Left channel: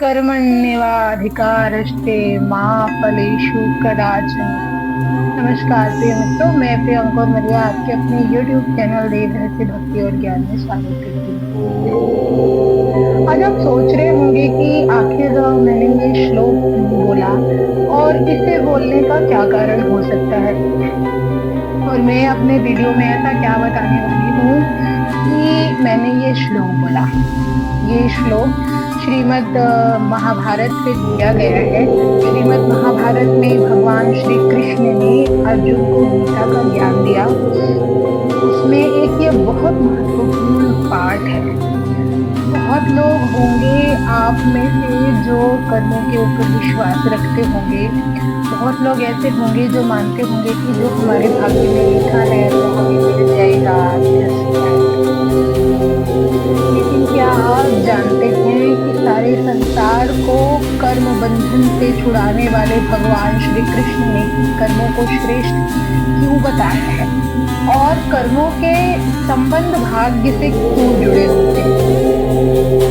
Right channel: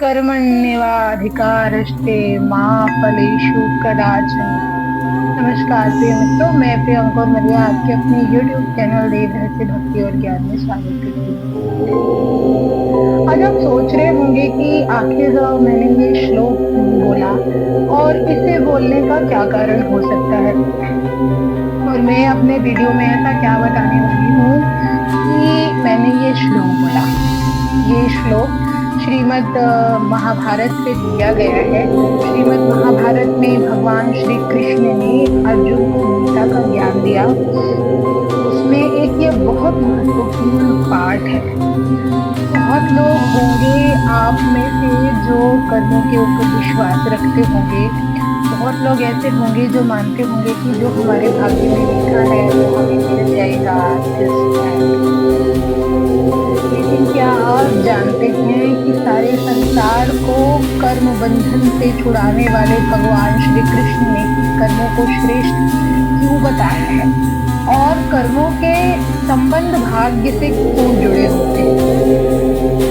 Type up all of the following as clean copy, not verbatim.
कर्मण्येवाधिकारस्ते मा फलेषु कदाचन। नमस्कार प्रिय मित्रों, मैं प्रियंका और मरिया आपके अपने YouTube चैनल देव रहस्य भक्ति और ज्ञान में स्वागत करती हूँ। आज आप सोच रहे होंगे कि आखिर मैंने ये श्लोक क्यों बोला और इसे बोलने का क्या कारण हो सकता है, और मैं अपने वीडियो में ऐसा क्या बताने वाली हूँ कि मैंने ये श्लोक बोला। ये श्लोक श्रीमद् महाभारत से दिया गया है। श्रीमद् महाभारत में भगवान श्री कृष्ण ने अर्जुन को गीता का ज्ञान दिया। उसमें एक ये बहुत महत्वपूर्ण पाठ है। बहुत लोग होंगे आप में से जो कर्मों के ऊपर विश्वास रखते होंगे। बहुत लोग ऐसे होंगे जो मानते होंगे कि जो हमारे भाग्य में लिखा है वो हमें मिल जाएगा। लेकिन क्या आप जानते हैं कि सारे संसार को कर्म बंधन से छुड़ाने वाले भगवान श्री कृष्ण ने कर्मों को श्रेष्ठ क्यों बताया है, और कर्मों के संबंध भाग्य से क्यों जुड़े होते हैं।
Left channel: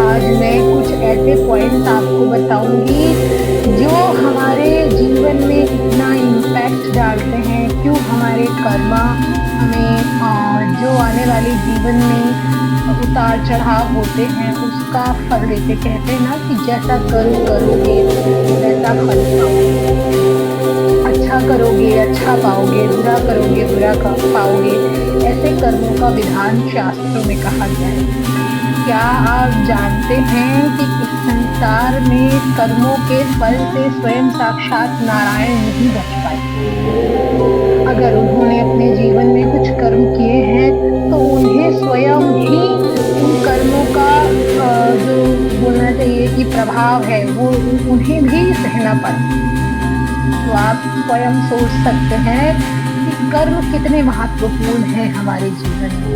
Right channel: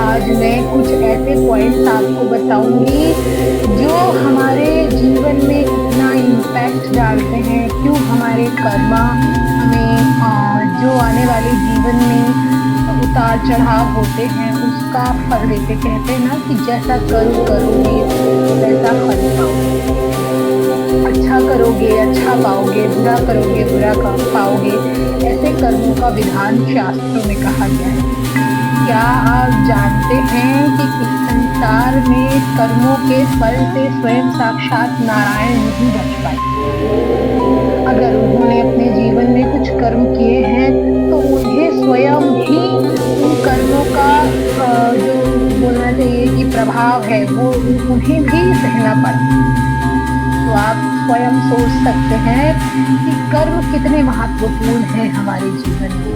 आज मैं कुछ ऐसे पॉइंट्स आपको बताऊंगी जो हमारे जीवन में इतना इम्पैक्ट डालते हैं। क्यों हमारे कर्म हमें जो आने वाले जीवन में उतार चढ़ाव होते हैं उसका फल देते। कहते हैं ना कि जैसा करोगे वैसा फल पाओगे। अच्छा करोगे अच्छा पाओगे, बुरा करोगे बुरा पाओगे। ऐसे कर्मों का विधान शास्त्रों में कहा गया है। क्या आप जानते हैं कि इस संसार में कर्मों के फल से स्वयं साक्षात नारायण नहीं बच पाए। अगर उन्होंने अपने जीवन में कुछ कर्म किए हैं तो उन्हें स्वयं ही उन कर्मों का जो बोलना चाहिए कि प्रभाव है वो उन्हें भी सहना पड़ा। तो आप स्वयं सोच सकते हैं कि कर्म कितने महत्वपूर्ण हैं हमारे जीवन में।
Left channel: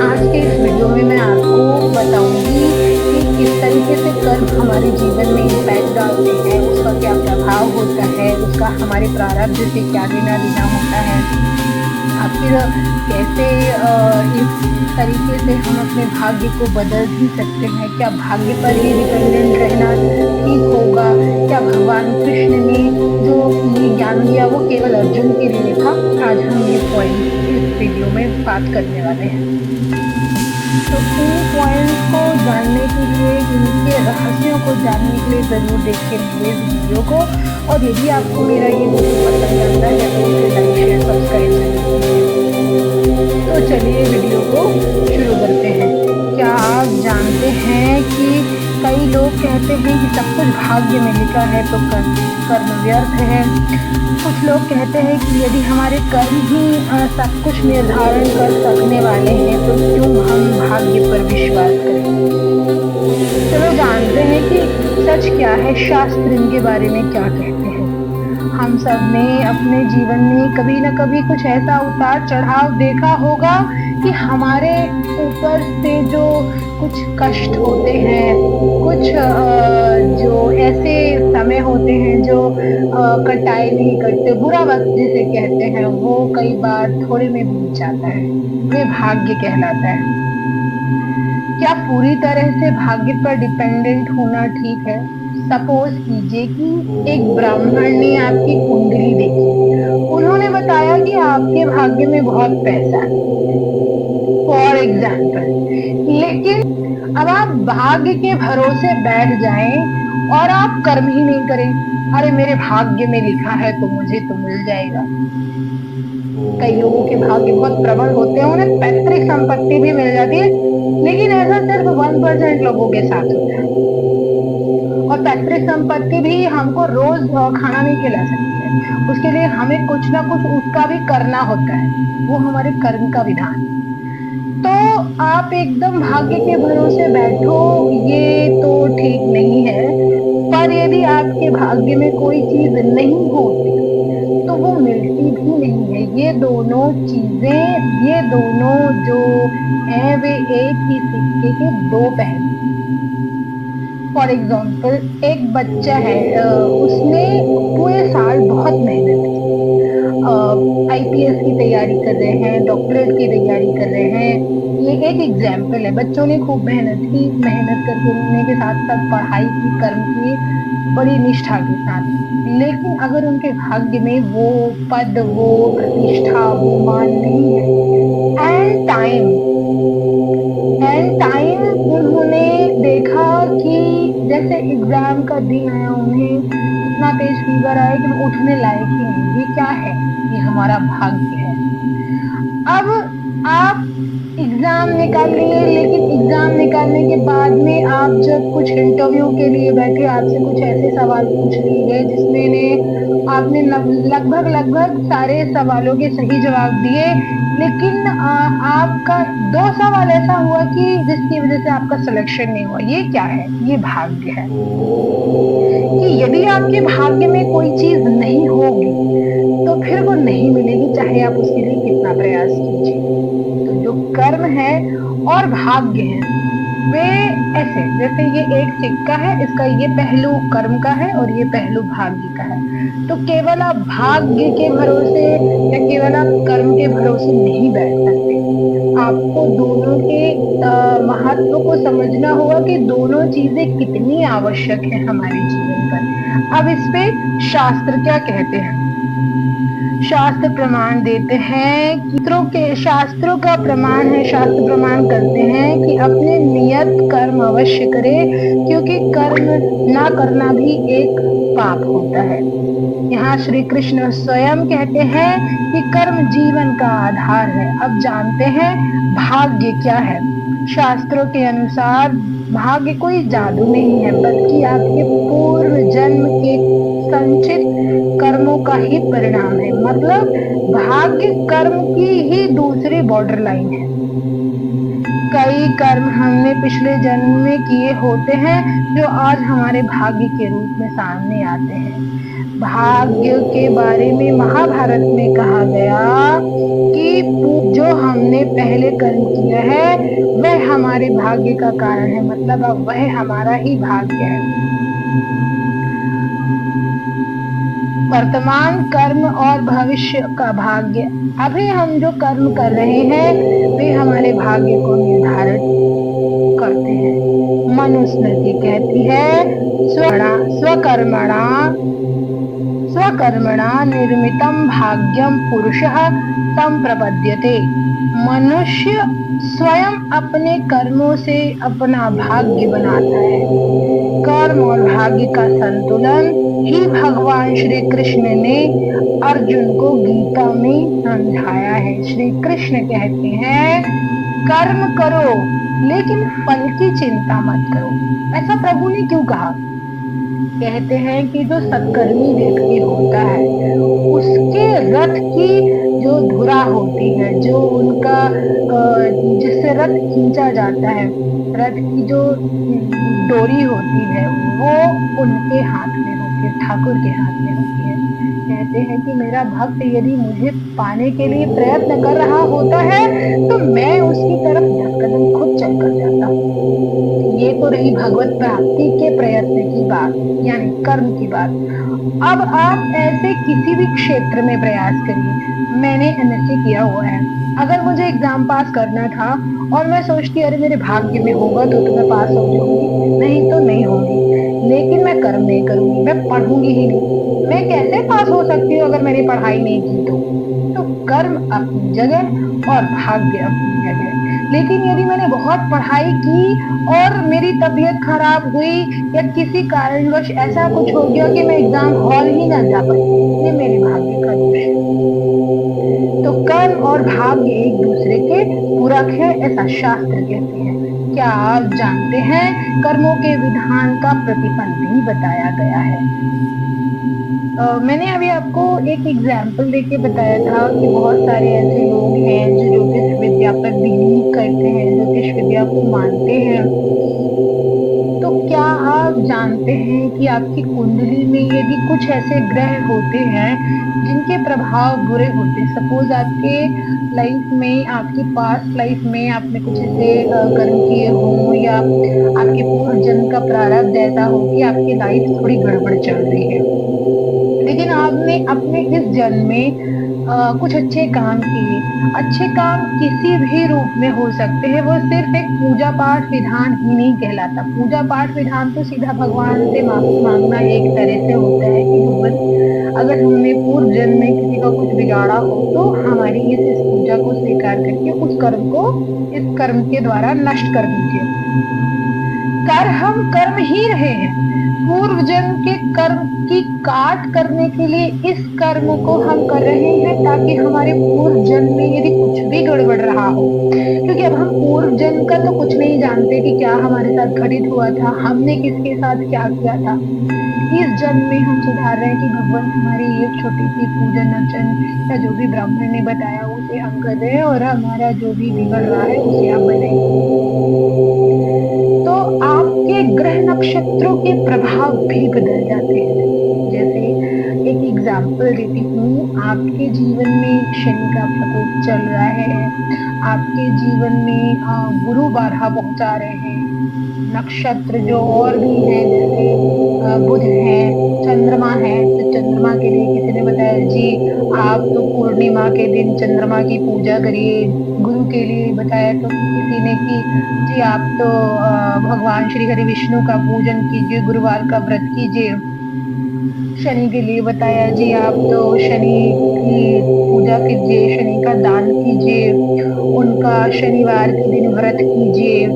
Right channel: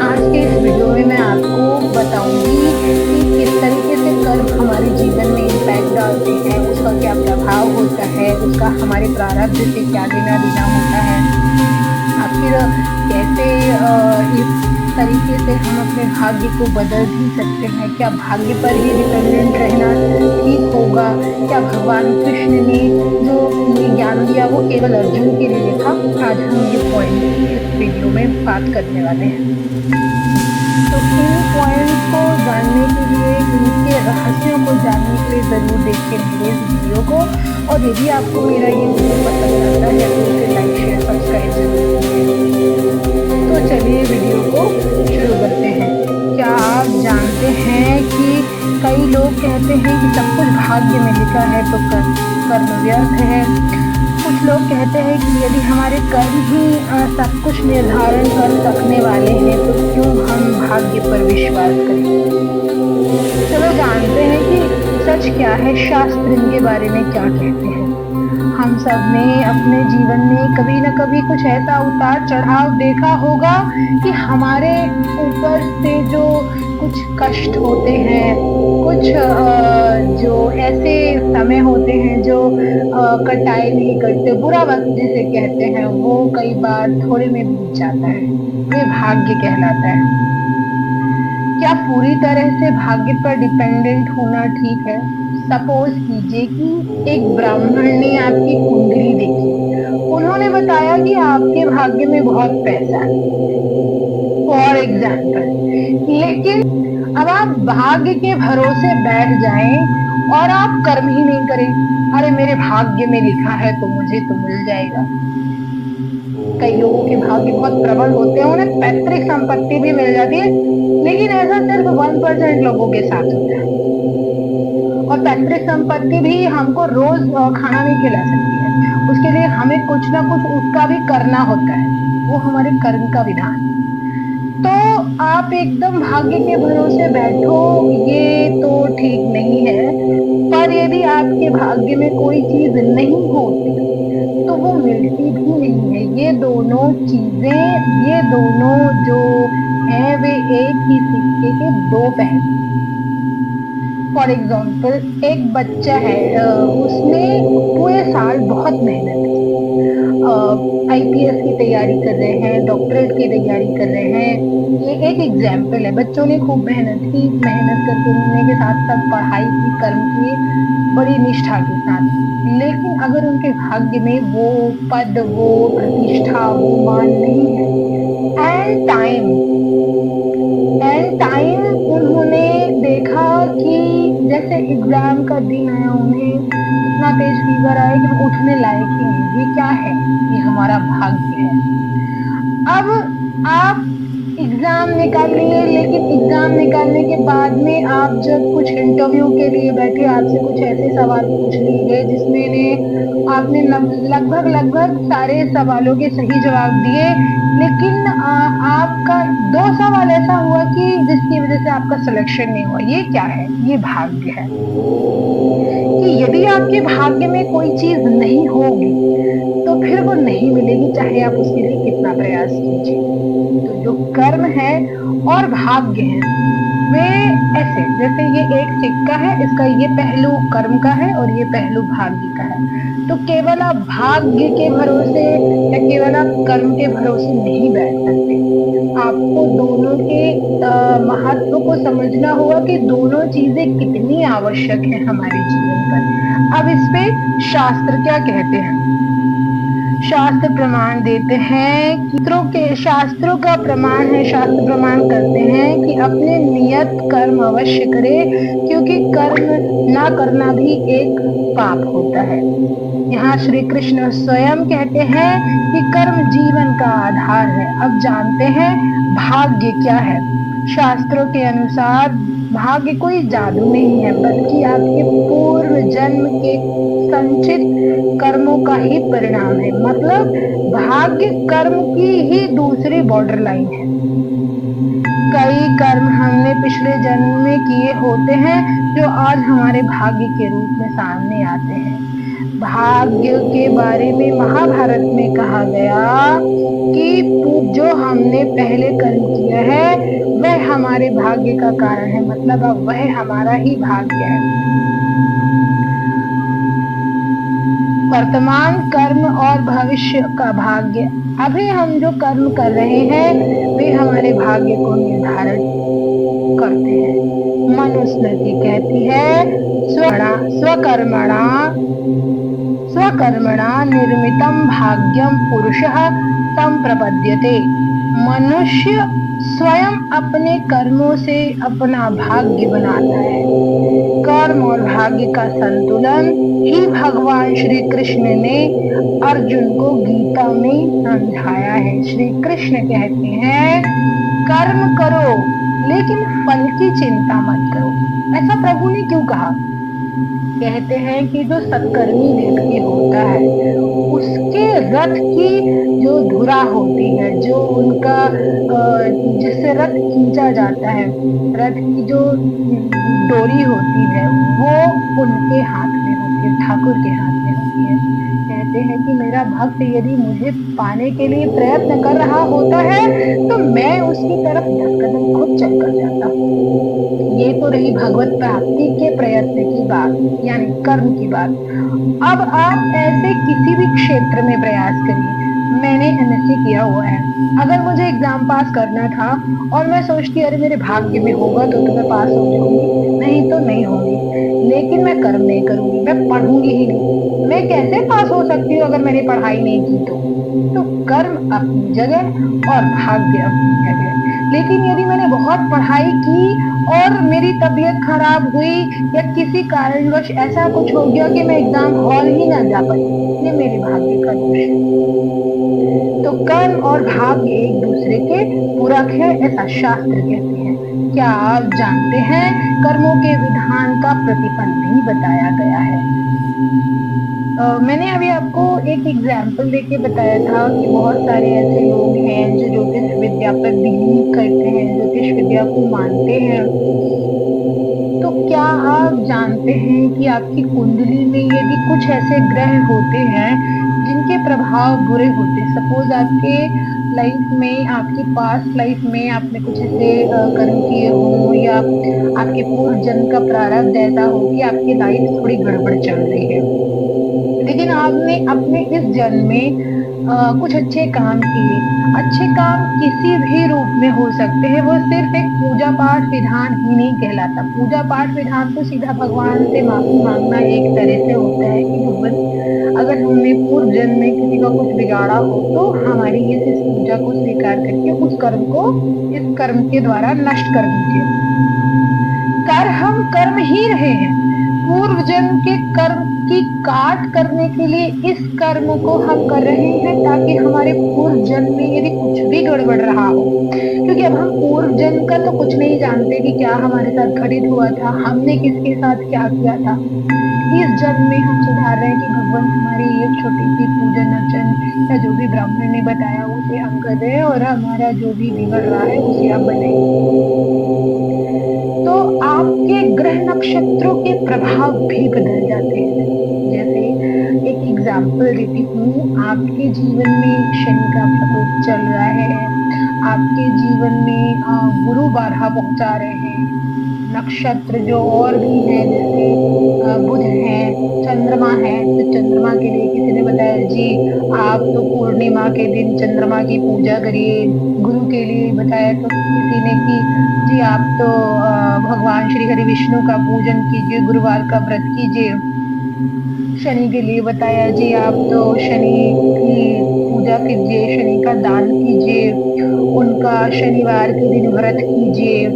आज के इस वीडियो में मैं आपको बताऊंगी कि किस तरीके से कर्म हमारे जीवन में इम्पैक्ट डालते हैं, उसका क्या प्रभाव होता है, उसका हमारे प्रारब्ध से क्या लेना देना होता है। आखिर कैसे इस तरीके से हम अपने भाग्य को बदल भी सकते हैं। क्या भाग्य पर ही डिपेंडेंट रहना ठीक होगा? क्या भगवान कृष्ण ने जो ये ज्ञान दिया वो केवल अर्जुन के लिए था? आज हम ये पॉइंट इस वीडियो में बात करने वाले हैं। तो इन पॉइंट्स को जानने के लिए, इनके रहस्यों को जानने के लिए ज़रूर देखिए मेरे इस वीडियो को। और यदि आपको मेरा ये वीडियो पसंद आता है तो उसे लाइक शेयर सब्सक्राइब जरूर कीजिए। तो चलिए वीडियो को शुरू करते हैं। क्या आप जानते हैं कि कई लोग कहते हैं कि सब कुछ भाग्य में लिखा है तो कर्म व्यर्थ है। कुछ लोग कहते हैं कि यदि हमारे कर्म ही सब कुछ निर्धारण कर सकने वाले हैं तो क्यों हम भाग्य पर विश्वास करें। चलो जानते हैं कि सच क्या है, शास्त्र इनके बारे में क्या कहते हैं। हम सब ने अपने जीवन में कभी न कभी कुछ ऐसा उतार चढ़ाव देखा होगा कि हमारे ऊपर से जो कुछ कष्ट होते हैं, कुछ जो ऐसे समय होते हैं जो कटाई नहीं करते, बुरा वक्त जिसे कहते हैं, वो कई बार थोड़े में बीत जाता है। वे भाग्य कहलाता है। क्या पूरी तरह से भाग्य पर डिपेंडेंट होना ठीक है? सपोज कीजिए कि एक ब्राह्मण ने आपकी कुंडली देखी। उन्होंने बताया कि आपके भाग्य में बहुत पैसा है, फॉर एग्जाम्पल। लेकिन अब आप भाग्य के भरोसे बैठ जाएं और आप कर्म ही नहीं करें। अरे मेरे भाग्य में लिखा है तो मुझे तो मिल जाएगा। कई लोगों के भाग्य बहुत प्रबल होते हैं, उन्हें पैतृक संपत्ति भी मिल जाती है, लेकिन ऐसा सिर्फ 1% लोगों के साथ होता है। और पैतृक संपत्ति भी हमको रोज खाना नहीं खिला सकती है। उसके लिए हमें कुछ ना कुछ उसका भी करना होता है। वो हमारे कर्म का विधान। तो आप एकदम भाग्य के भरोसे बैठो, ये तो ठीक नहीं है। पर यदि आपके भाग्य में कोई चीज नहीं होती तो वो मिलती भी नहीं है। ये दोनों चीजें, ये दोनों जो हैं वे एक ही सिक्के के दो पहलू। फॉर एग्जाम्पल, एक बच्चा है, उसने पूरे साल बहुत मेहनत की, IPS की तैयारी कर रहे हैं, डॉक्टरेट की तैयारी कर रहे हैं, ये एक एग्जाम्पल है। बच्चों ने खूब मेहनत की, मेहनत करने के साथ साथ पढ़ाई की, कर्म किए बड़ी निष्ठा के साथ, लेकिन अगर उनके भाग्य में वो पद, वो प्रतिष्ठा, वो मान नहीं है, एंड टाइम उन्होंने देखा कि जैसे एग्जाम का दिन आया, उन्हें इतना तेज फीवर आया कि वो उठने लायक ही नहीं। ये क्या है? ये हमारा भाग्य है। अब आप एग्जाम निकाल लिए, लेकिन एग्जाम निकालने के बाद में आप जब कुछ इंटरव्यू के लिए बैठे, आपसे कुछ ऐसे सवाल पूछ लिए गए जिसमें आपने लगभग सारे सवालों के सही जवाब दिए, लेकिन आपका 2 सवाल ऐसा हुआ कि जिसकी वजह से आपका सिलेक्शन नहीं हुआ। ये क्या है? ये भाग्य है। कि यदि आपके भाग्य में कोई चीज नहीं होगी तो फिर वो नहीं मिलेगी, चाहे आप उसके लिए कितना प्रयास कीजिए। तो जो कर्म है और भाग्य है वे ऐसे, जैसे ये एक सिक्का है, इसका ये पहलू कर्म का है और ये पहलू भाग्य का है। तो केवल आप भाग्य के भरोसे या केवल आप कर्म के भरोसे नहीं बैठ सकते। आपको दोनों के महत्व को समझना होगा कि दोनों चीजें कितनी आवश्यक है हमारे जीवन पर। अब इस पे शास्त्र क्या कहते हैं? शास्त्र प्रमाण देते हैं कि शास्त्रों का प्रमाण है, शास्त्र प्रमाण करते हैं कि अपने नियत कर्म अवश्य करे, क्योंकि कर्म ना करना भी एक पाप होता है। यहाँ श्री कृष्ण स्वयं कहते हैं कि कर्म जीवन का आधार है। अब जानते हैं भाग्य क्या है। शास्त्रों के अनुसार भाग्य कोई जादू नहीं है, बल्कि आपके पूर्व जन्म के संचित कर्मों का ही परिणाम है। मतलब भाग्य कर्म की ही दूसरी बॉर्डर लाइन है। कई कर्म हमने पिछले जन्म में किए होते हैं जो आज हमारे भाग्य के रूप में सामने आते हैं। भाग्य के बारे में महाभारत में कहा गया कि जो हमने पहले कर्म किया है वह हमारे भाग्य का कारण है, मतलब अब वह हमारा ही भाग्य है। वर्तमान कर्म और भविष्य का भाग्य। अभी हम जो कर्म कर रहे हैं वे हमारे भाग्य को निर्धारित करते हैं। मनुस्मृति कहती है स्वकर्मणा निर्मितम भाग्यम पुरुषः संप्रपद्यते। मनुष्य स्वयं अपने कर्मों से अपना भाग्य बनाता है। कर्म और भाग्य का संतुलन ही भगवान श्री कृष्ण ने अर्जुन को गीता में समझाया है। श्री कृष्ण कहते हैं कर्म करो लेकिन फल की चिंता मत करो। ऐसा प्रभु ने क्यों कहा? कहते हैं कि जो सत्कर्मी व्यक्ति होता है उसके रथ की जो धुरा होती है, जो उनका जिससे रथ खींचा जाता है, रथ की जो डोरी होती है वो उनके हाथ में होती है, ठाकुर के हाथ में होती है। कहते हैं कि मेरा भक्त यदि मुझे पाने के लिए प्रयत्न कर रहा होता है तो मैं उसकी तरफ 10 कदम खुद चलकर जाता हूँ। ये तो रही भगवत प्राप्ति के प्रयत्न की बात, यानी कर्म की बात। अब आप ऐसे किसी भी क्षेत्र में प्रयास करिए। मैंने एमएससी किया हुआ है, अगर मुझे एग्जाम पास करना था और मैं सोचती अरे मेरे भाग्य में होगा तो मैं पास हो जाऊंगी, नहीं तो नहीं होंगी, लेकिन मैं कर्म नहीं करूंगी, मैं पढ़ूंगी ही नहीं। मैं कैसे पास हो सकती हूँ अगर मैंने पढ़ाई नहीं की तो कर्म अपनी जगह और भाग्य अपनी जगह। लेकिन यदि मैंने बहुत पढ़ाई की और मेरी तबीयत खराब हुई या किसी कारणवश ऐसा कुछ हो गया कि मैं एग्जाम हॉल ही ना जा पाई, ये मेरे भाग्य का दोष है। तो कर्म और भाग्य एक दूसरे के पूरक है, ऐसा शास्त्र कहते हैं। क्या आप जानते हैं कर्मों के विधान का प्रतिफल भी बताया गया है? मैंने अभी आपको एक एग्जाम्पल देके बताया था कि बहुत सारे ऐसे लोग हैं जो ज्योतिष विद्या पर बिलीव करते हैं, ज्योतिष विद्या को मानते हैं। तो क्या आप जानते हैं कि आपकी कुंडली में यदि कुछ ऐसे ग्रह होते हैं जिनके प्रभाव बुरे होते, सपोज आपके लाइफ में, आपकी पास्ट लाइफ में आपने कुछ ऐसे कर्म किए हो या आपके पूर्व जन्म का प्रारब्ध ऐसा हो कि आपकी लाइफ थोड़ी गड़बड़ चल रही है, लेकिन आपने अपने इस जन्म में कुछ अच्छे काम किए, अच्छे काम किसी भी रूप में हो सकते हैं, वो सिर्फ एक पूजा पाठ विधान ही नहीं कहलाता। पूजा पाठ विधान तो सीधा भगवान से माफी मांगना एक तरह से होता है कि भगवान, अगर हमने पूर्व जन्म में किसी का कुछ बिगाड़ा हो तो हमारी इस पूजा को स्वीकार करके उस कर्म को इस कर्म के द्वारा नष्ट कर दीजिए। हम कर्म ही रहे हैं, पूर्व जन्म के कर्म की काट करने के लिए इस कर्म को हम कर रहे हैं, ताकि हमारे पूर्व जन्म में यदि कुछ भी गड़बड़ रहा हो, क्योंकि अब हम पूर्व जन्म का तो कुछ नहीं जानते कि क्या हमारे साथ घटित हुआ था, हमने किसके साथ क्या किया था। इस जन्म में हम सुधार रहे हैं कि भगवान हमारी एक छोटी सी पूजन अर्चन या जो भी ब्राह्मण ने बताया उसे हम कर रहे हैं, और हमारा जो भी बिगड़ रहा है उसे आप बनाइए। तो आपके ग्रह नक्षत्रों के प्रभाव भी बदल जाते हैं। जैसे एक एग्जाम्पल देती हूँ, आपके जीवन में शनि का प्रकोप चल रहा है, आपके जीवन में गुरु बाधा पहुंचा रहे हैं, नक्षत्र जो और भी हैं जैसे बुध है, चंद्रमा है, तो चंद्रमा के लिए किसी ने बताया जी आप तो पूर्णिमा के दिन चंद्रमा की पूजा करिए। गुरु के लिए बताया तो किसी ने कि जी आप तो भगवान श्री हरि विष्णु का पूजन कीजिए, गुरुवार का व्रत कीजिए। शनि के लिए बताया जी आप तो शनि की पूजा कीजिए, शनि का दान कीजिए, उनका शनिवार के दिन व्रत कीजिए,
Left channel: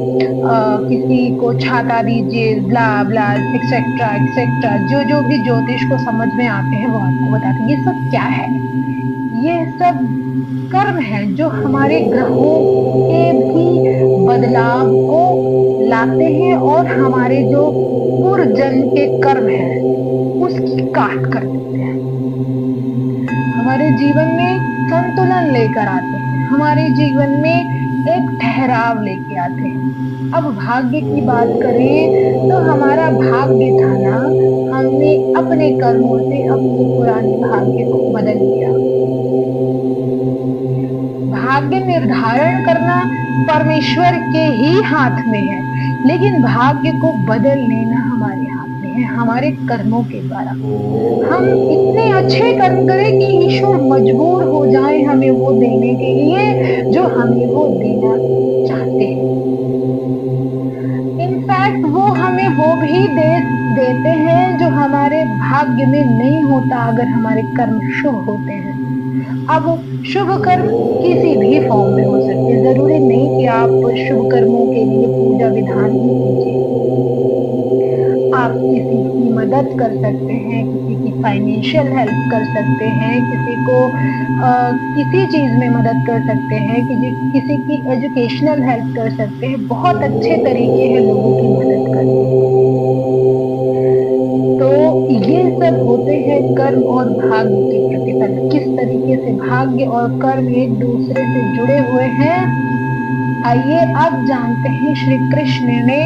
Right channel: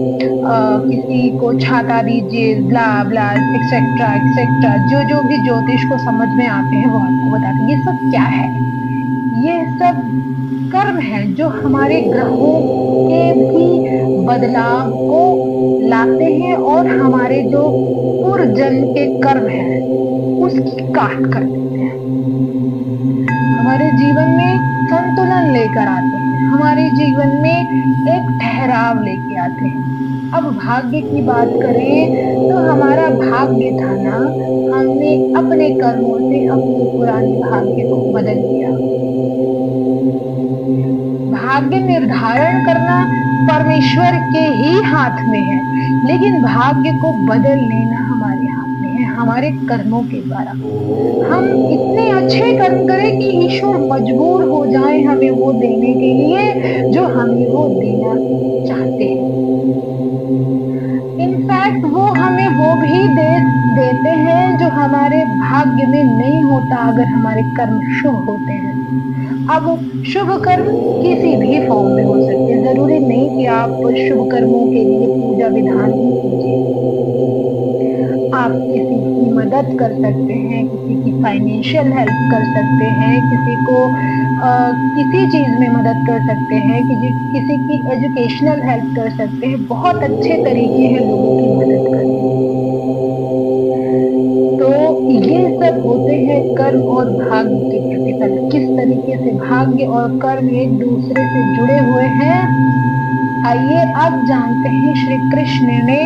किसी को छाता दीजिए, ब्ला ब्ला एक्सेट्रा एक्सेट्रा। जो जो भी ज्योतिष को समझ में आते हैं वो आपको बताते हैं। ये सब क्या है? ये सब कर्म है जो हमारे ग्रहों के भी बदलाव को लाते हैं और हमारे जो पूर्व जन्म के कर्म है उसकी काट कर देते हैं, हमारे जीवन में संतुलन लेकर आते हैं, हमारे जीवन में एक ठहराव लेके आते हैं। अब भाग्य की बात करें तो हमारा भाग्य था ना, हमने अपने कर्मों से अपने पुराने भाग्य को बदल दिया। भाग्य निर्धारण करना परमेश्वर के ही हाथ में है, लेकिन भाग्य को बदल लेना हमारे हाथ में है, हमारे कर्मों के द्वारा। हम इतने अच्छे कर्म करें कि ईश्वर मजबूर हो जाए हमें वो देने के लिए जो हमें वो देना चाहते हैं। इनफैक्ट वो हमें वो भी देते हैं जो हमारे भाग्य में नहीं होता, अगर हमारे कर्म शुभ होते हैं। अब शुभ कर्म किसी भी फॉर्म में हो सकते हैं, जरूरी नहीं कि आप शुभ कर्मों के लिए पूजा विधान ही कीजिए। आप किसी की मदद कर सकते हैं, किसी की फाइनेंशियल हेल्प कर सकते हैं, किसी को किसी चीज में मदद कर सकते हैं, किसी की एजुकेशनल हेल्प कर सकते हैं। बहुत अच्छे तरीके हैं लोगों की मदद करने। तो ये सब होते हैं कर्म और भाग्य के प्रतिफल। किस तरीके से भाग्य और कर्म एक दूसरे से जुड़े हुए हैं, आइए अब जानते हैं। श्री कृष्ण ने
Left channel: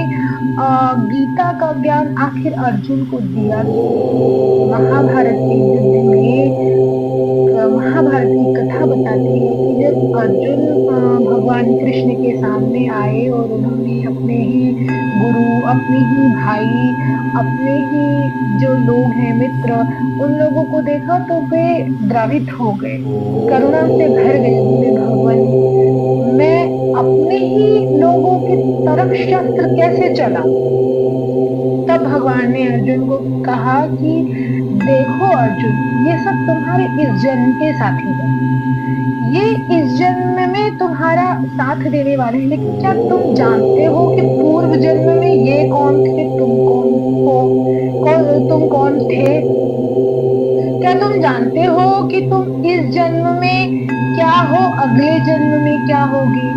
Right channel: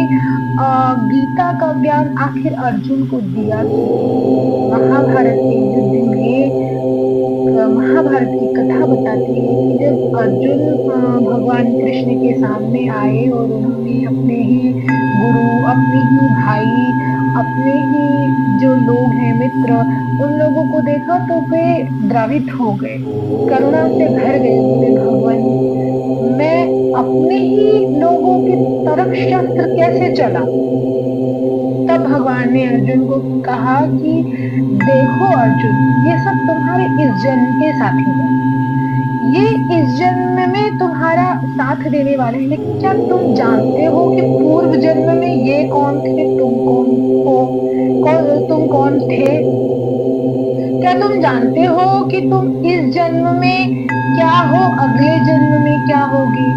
गीता का ज्ञान आखिर अर्जुन को दिया। महाभारत के युद्ध में महाभारत की कथा बताती है कि जब अर्जुन भगवान कृष्ण के सामने आए और उन्होंने अपने ही गुरु, अपने ही भाई, अपने ही जो लोग हैं मित्र, उन लोगों को देखा तो वे द्रवित हो गए, करुणा से भर गए। बोले भगवान मैं अपने ही लोगों की तरफ शस्त्र कैसे चलाऊं? तब भगवान ने अर्जुन को कहा कि देखो अर्जुन, ये सब तुम्हारे इस जन्म के साथी हैं, ये इस जन्म में तुम्हारा साथ देने वाले हैं, लेकिन क्या तुम जानते हो कि पूर्व जन्म में ये कौन थे, तुम कौन थे? क्या तुम जानते हो कि तुम इस जन्म में क्या हो, अगले जन्म में क्या होगी?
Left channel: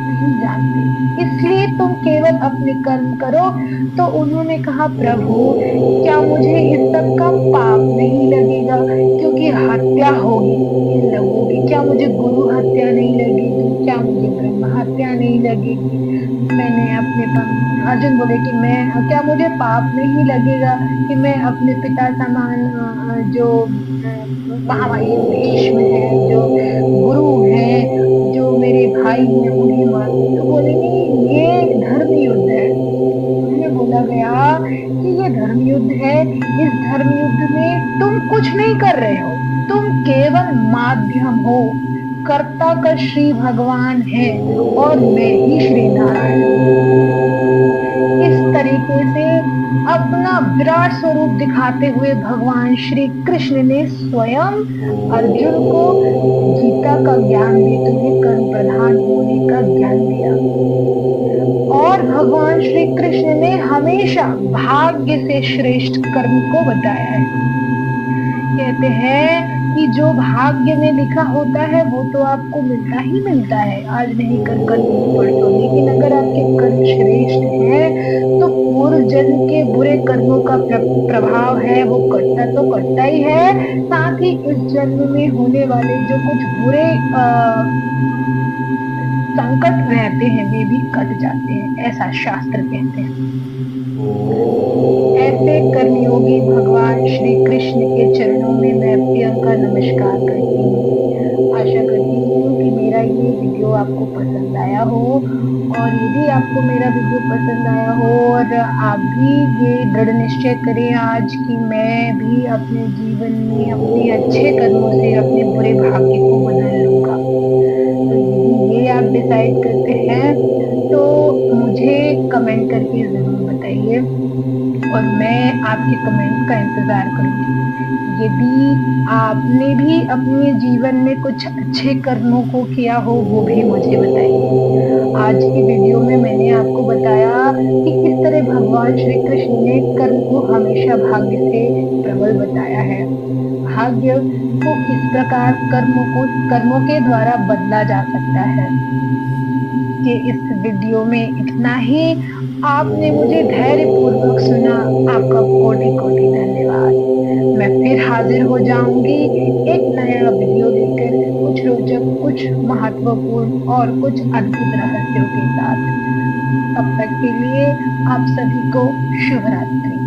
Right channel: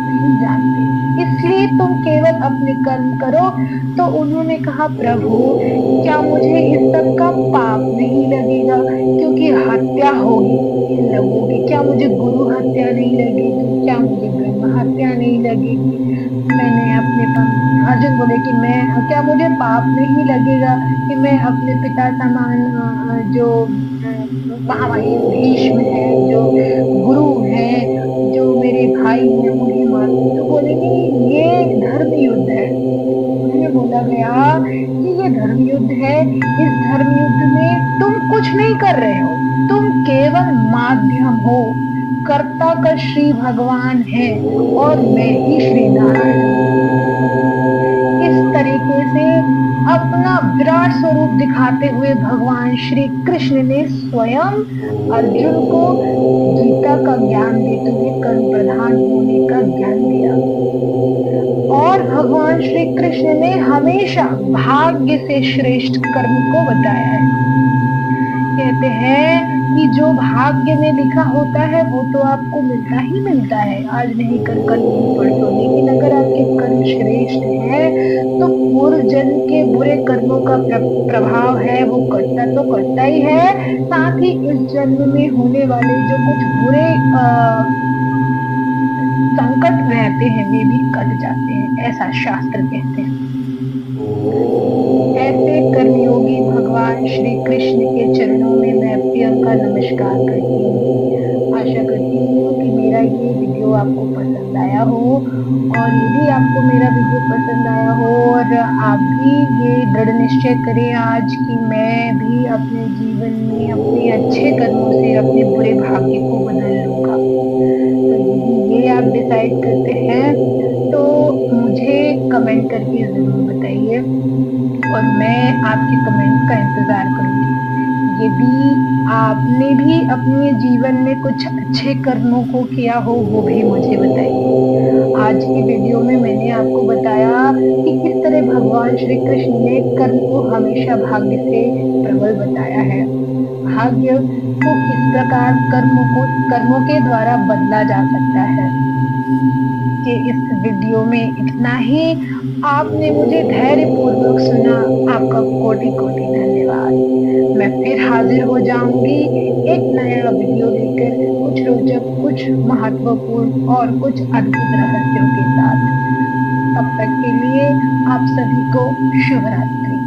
नहीं जानते, इसलिए तुम केवल अपने कर्म करो। तो उन्होंने कहा प्रभु क्या मुझे इस सब का पाप नहीं लगेगा, क्योंकि हत्या होगी लगोगी? क्या मुझे गुरु हत्या नहीं लगेगी? क्या मुझे ब्रह्म हत्या नहीं लगेगी? मैंने अपने अर्जुन बोले कि मैं क्या मुझे पाप नहीं लगेगा कि मैं अपने पिता समान जो महामाई भीष्म है, जो गुरु हैं, जो मेरे भाई हैं, उन्हें मारूं? तो बोले नहीं, ये धर्म युद्ध है। उन्हें बोला गया कि ये धर्म युद्ध है, इस धर्म युद्ध में तुम कुछ नहीं कर रहे हो, तुम केवल माध्यम हो, कर्ता का श्री भगवान है और मैं ही श्री नारायण हूँ। इस तरीके से अपना विराट स्वरूप दिखाते हुए भगवान श्री कृष्ण ने स्वयं अर्जुन को गीता का ज्ञान देते हुए कर्म प्रधान होने का ज्ञान दिया। और भगवान श्री कृष्ण ने हमेशा भाग्य से श्रेष्ठ कर्म को बताया है। कहते हैं कि जो भाग्य में लिखा होता है वो तो आपको मिलता ही मिलता है, आज नहीं कल, कल नहीं परसों। लेकिन अगर आपके कर्म श्रेष्ठ हैं तो पूर्व जन्म के बुरे कर्मों का प्रभाव है वो कटता तो कटता ही है, साथ ही इस जन्म में होने वाले जो कुछ बुरे संकट रहते हैं वे भी कट जाते हैं, ऐसा शास्त्र कहते हैं। ऐसे कर्मयोगी भगवान श्री कृष्ण के चरणों में मैं प्रियंका नमस्कार करती हूँ। आशा करती हूँ कि मेरा ये वीडियो आपको पसंद आया हो, और यदि आपको मेरा वीडियो पसंद आया हो और आप भी ये दृढ़ निश्चय करें आज कि मैं भी अपने जीवन में अपने अच्छे कर्मों से अपने बुरे भाग्य को बदल लूंगा, तो यदि ये आप डिसाइड करते हैं तो मुझे कमेंट करके जरूर बताइए और मैं आपके कमेंट्स का इंतजार करूंगी। यदि आपने भी अपने जीवन में कुछ अच्छे कर्मों को किया हो वो भी मुझे बताइए। आज की वीडियो में मैंने आपको बताया कि किस तरह भगवान श्री कृष्ण ने कर्म को हमेशा भाग्य से प्रबल बताया है, भाग्य को किस प्रकार कर्मों के द्वारा बदला जा सकता है। कि इस वीडियो में इतना ही। आपने मुझे धैर्य पूर्वक सुना, आपका कोटि कोटि धन्यवाद। मैं फिर हाजिर हो जाऊंगी एक नया वीडियो लेकर, कुछ रोचक, कुछ महत्वपूर्ण और कुछ अद्भुत रहस्यों के साथ। तब तक के लिए आप सभी को शुभ रात्रि।